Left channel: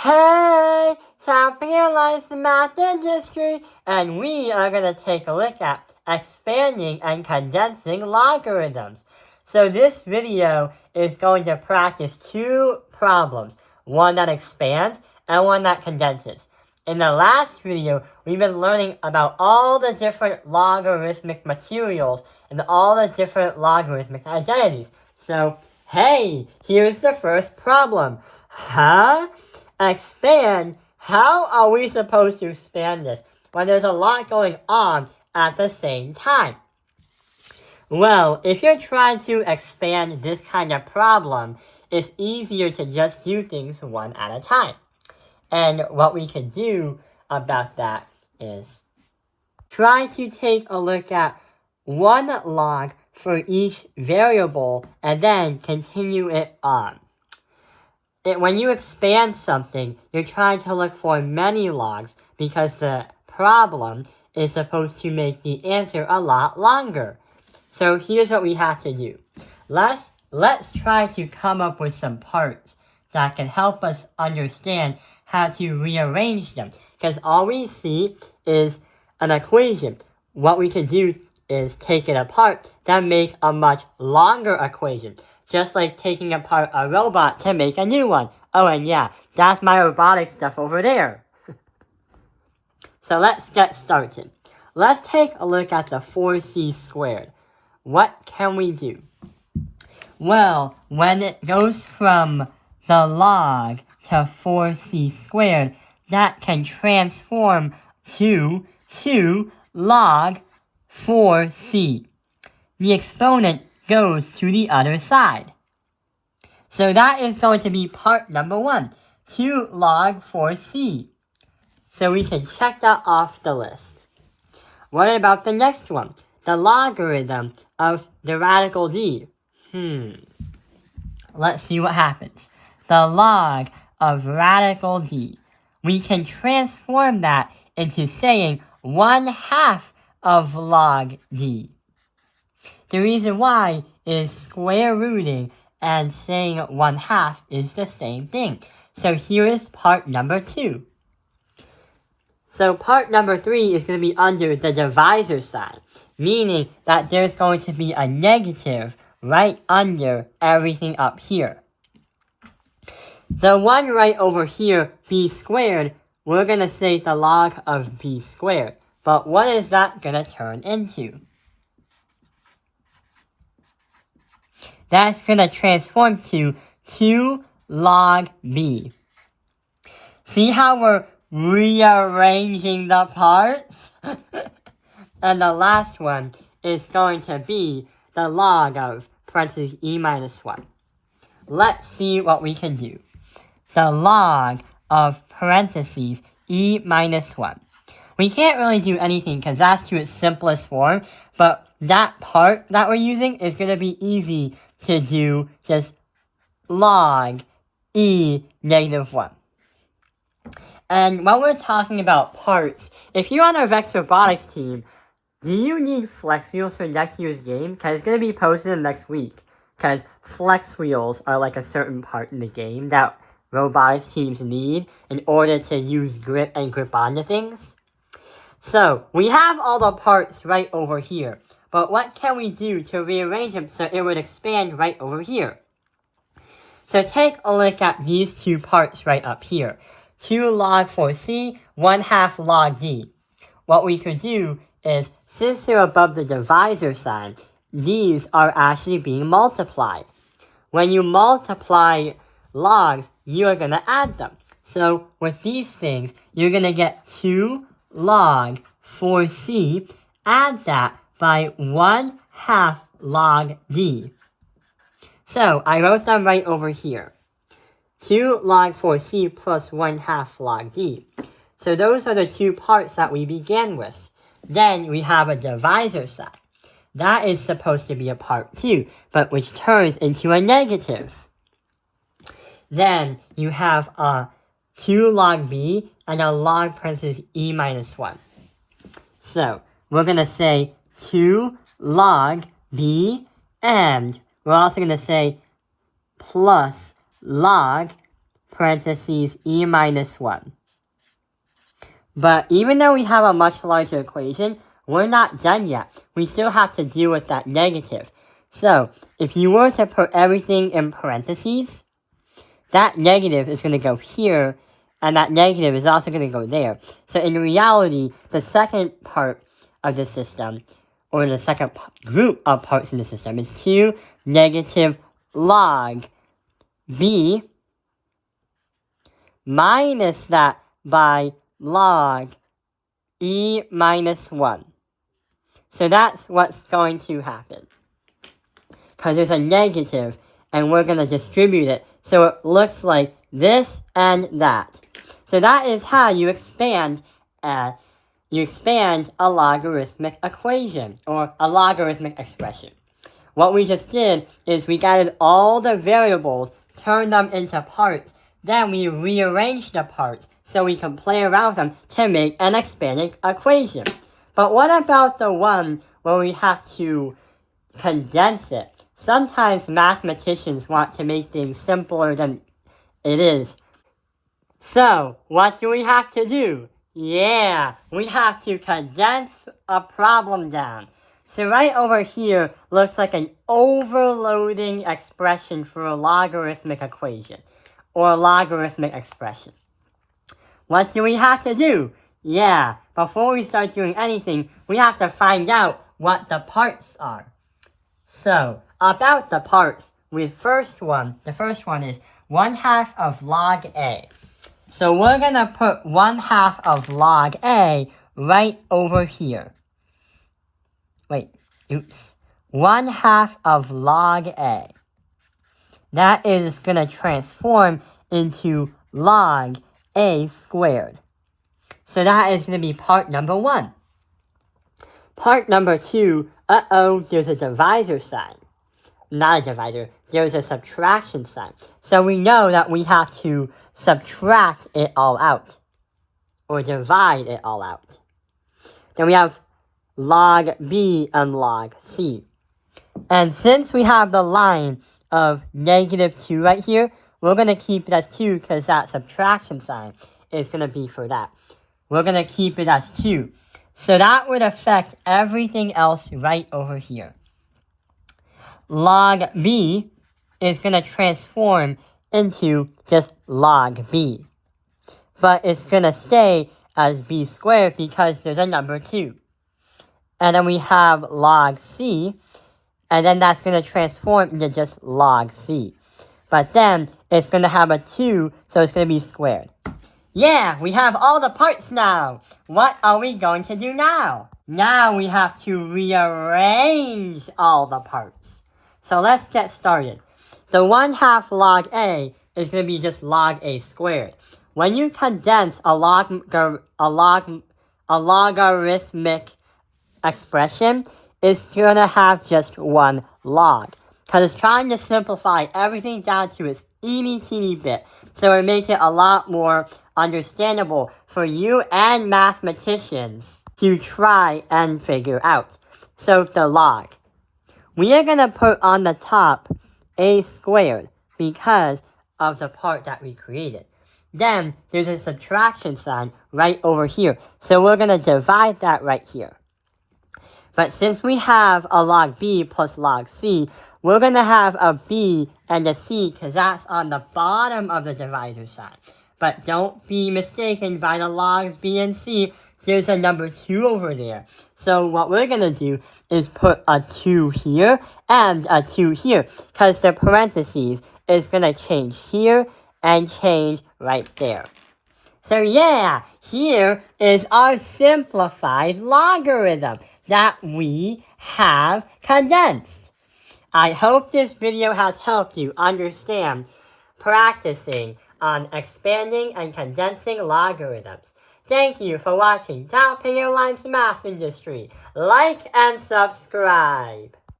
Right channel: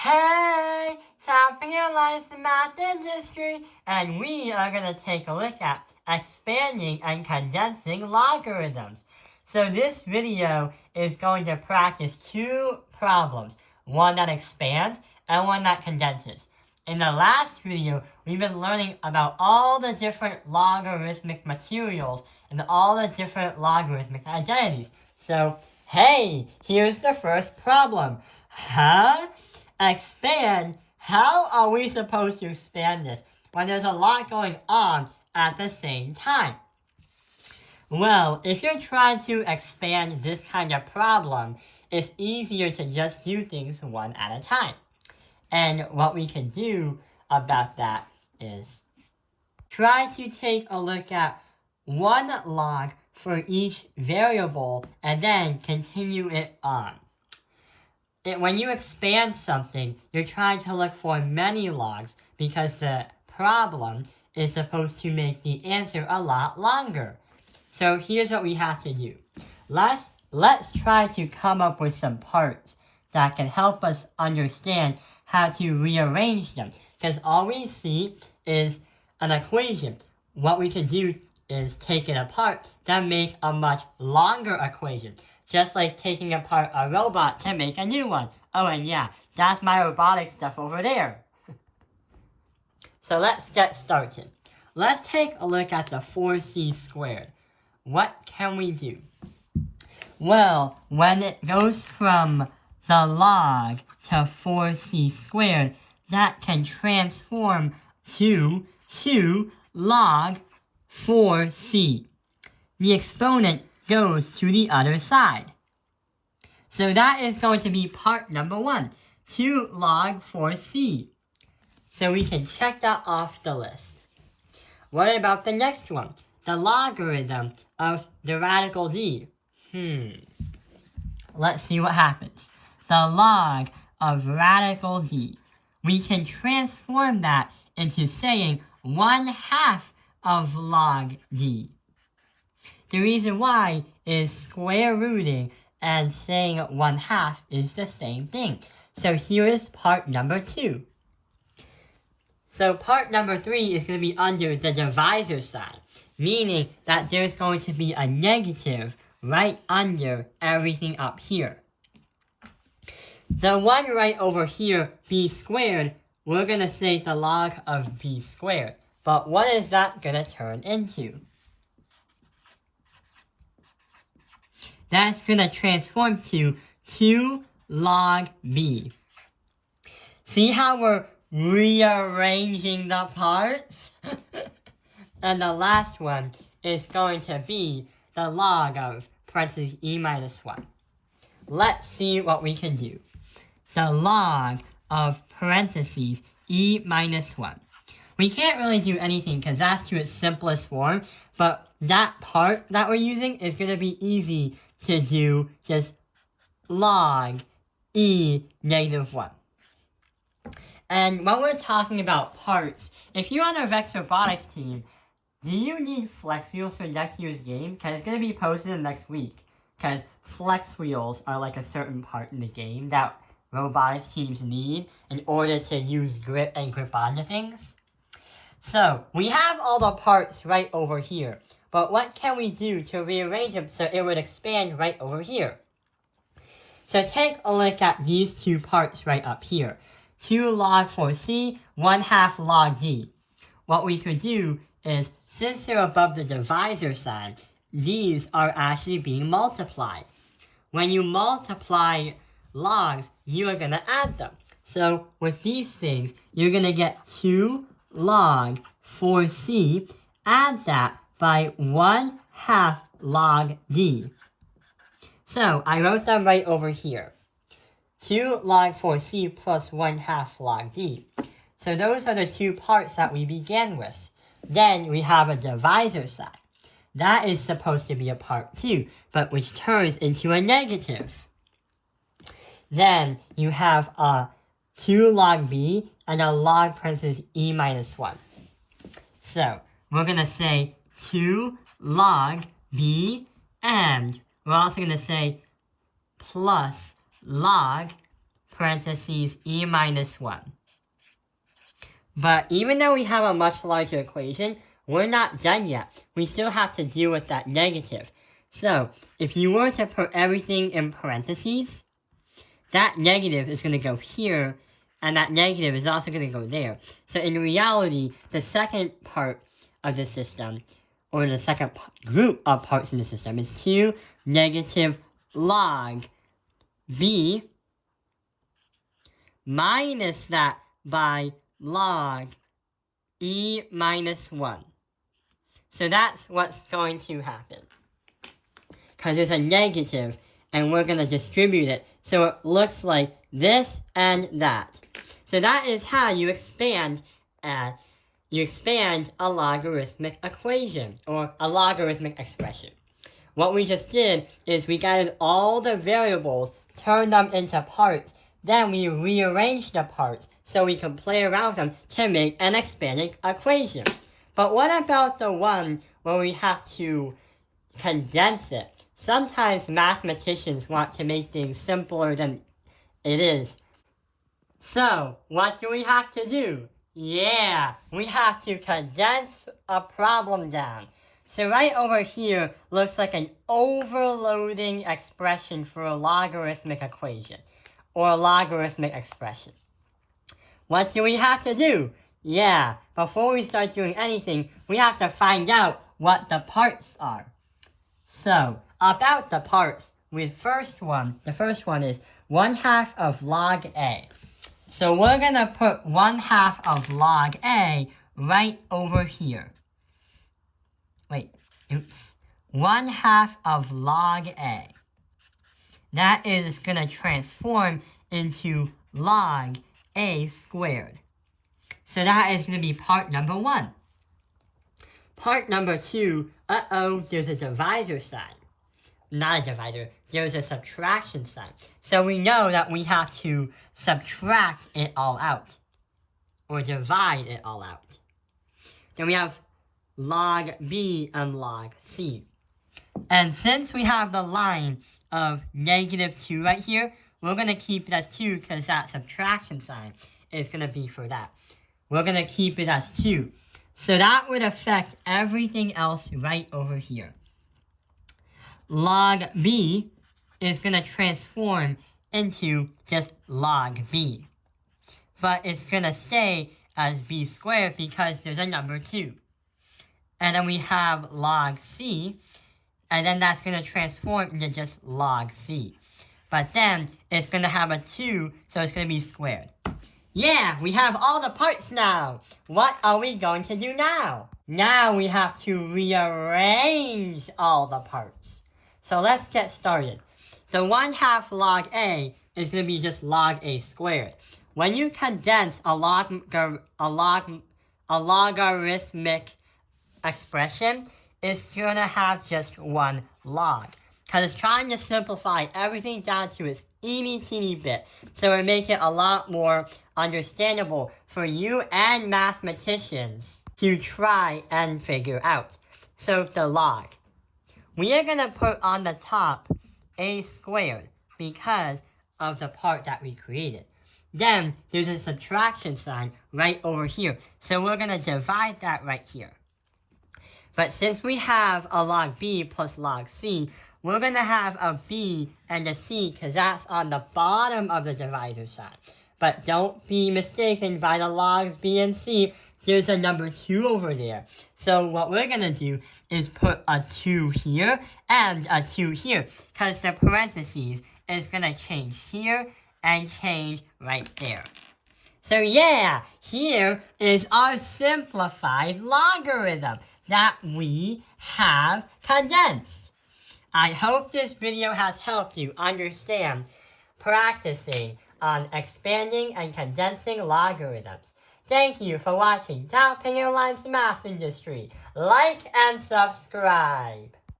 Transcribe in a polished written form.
Hey, South Carolina's math industry, and we are going to take a look at expanding and condensing logarithms. So this video is going to practice two problems, one that expands and one that condenses. In the last video, we've been learning about all the different logarithmic materials and all the different logarithmic identities. So, hey, here's the first problem. Expand? How are we supposed to expand this when there's a lot going on at the same time? Well, if you're trying to expand this kind of problem, it's easier to just do things one at a time. And what we can do about that is try to take a look at one log for each variable and then continue it on. When you expand something, you're trying to look for many logs because the problem is supposed to make the answer a lot longer. So here's what we have to do. Let's try to come up with some parts that can help us understand how to rearrange them. Because all we see is an equation. What we can do is take it apart, then make a much longer equation. Just like taking apart a robot to make a new one. Oh, and yeah, that's my robotic stuff over there. So let's get started. Let's take a look at the 4c squared. What can we do? Well, when it goes from the log to 4c squared, that can transform to 2 log 4c. The exponent goes to the other side. So that is going to be part number 1, 2 log 4c. So we can check that off the list. What about the next one? The logarithm of the radical d. Let's see what happens. The log of radical d. We can transform that into saying 1/2 of log d. The reason why is square rooting and saying 1/2 is the same thing. So here is part number 2. So part number 3 is going to be under the divisor sign, meaning that there's going to be a negative right under everything up here. The one right over here, b squared, we're going to say the log of b squared. But what is that going to turn into? That's going to transform to 2 log b. See how we're rearranging the parts? And the last one is going to be the log of parentheses e minus 1. Let's see what we can do. The log of parentheses e minus 1. We can't really do anything because that's to its simplest form, but that part that we're using is going to be easy to do just log e negative 1. And when we're talking about parts, if you're on our Vex Robotics team, do you need flex wheels for next year's game? Because it's going to be posted in next week. Because flex wheels are like a certain part in the game that robotics teams need in order to use grip and grip onto things. So, we have all the parts right over here. But what can we do to rearrange them so it would expand right over here? So take a look at these two parts right up here. 2 log 4c, 1/2 log d. What we could do is, since they're above the divisor sign, these are actually being multiplied. When you multiply logs, you are going to add them. So with these things, you're going to get 2 log 4c, add that by 1/2 log d. So I wrote them right over here. 2 log 4c plus 1/2 log d. So those are the two parts that we began with. Then we have a divisor sign. That is supposed to be a part 2, but which turns into a negative. Then you have a 2 log b and a log parentheses e minus 1. So we're going to say 2 log b, and we're also going to say plus log parentheses e minus 1. But even though we have a much larger equation, we're not done yet. We still have to deal with that negative. So, if you were to put everything in parentheses, that negative is going to go here, and that negative is also going to go there. So in reality, the second part of the system, or the second group of parts in the system, is 2 negative log b minus that by log e minus 1. So that's what's going to happen. Because there's a negative, and we're going to distribute it so it looks like this and that. So that is how you expand a logarithmic equation, or a logarithmic expression. What we just did is we gathered all the variables, turned them into parts, then we rearranged the parts so we can play around them to make an expanded equation. But what about the one where we have to condense it? Sometimes mathematicians want to make things simpler than it is. So, what do we have to do? Yeah, we have to condense a problem down. So right over here looks like an overloading expression for a logarithmic equation, or a logarithmic expression. What do we have to do? Yeah, before we start doing anything, we have to find out what the parts are. So, about the parts, the first one is 1/2 of log A. So we're going to put 1/2 of log A right over here. 1/2 of log A. That is going to transform into log A squared. So that is going to be part number 1. Part number 2, there's a divisor sign. Not a divisor, there's a subtraction sign. So we know that we have to subtract it all out, or divide it all out. Then we have log B and log C. And since we have the line of -2 right here, we're going to keep it as 2 because that subtraction sign is going to be for that. We're going to keep it as 2. So that would affect everything else right over here. Log B is going to transform into just log B. But it's going to stay as B squared because there's a number 2. And then we have log C, and then that's going to transform into just log C. But then it's going to have a 2, so it's going to be squared. Yeah, we have all the parts now. What are we going to do now? Now we have to rearrange all the parts. So let's get started. The 1/2 log A is going to be just log A squared. When you condense a logarithmic expression, it's going to have just one log. Because it's trying to simplify everything down to its teeny bit. So it makes it a lot more understandable for you and mathematicians to try and figure out. So the log. We are going to put on the top A squared because of the part that we created. Then there's a subtraction sign right over here. So we're going to divide that right here. But since we have a log B plus log C, we're going to have a B and a C because that's on the bottom of the divisor sign. But don't be mistaken by the logs B and C. There's a number 2 over there. So what we're going to do is put a 2 here and a 2 here because the parentheses is going to change here and change right there. So yeah, here is our simplified logarithm that we have condensed. I hope this video has helped you understand practicing on expanding and condensing logarithms. Thank you for watching Top Airlines Math Industry. Like and subscribe.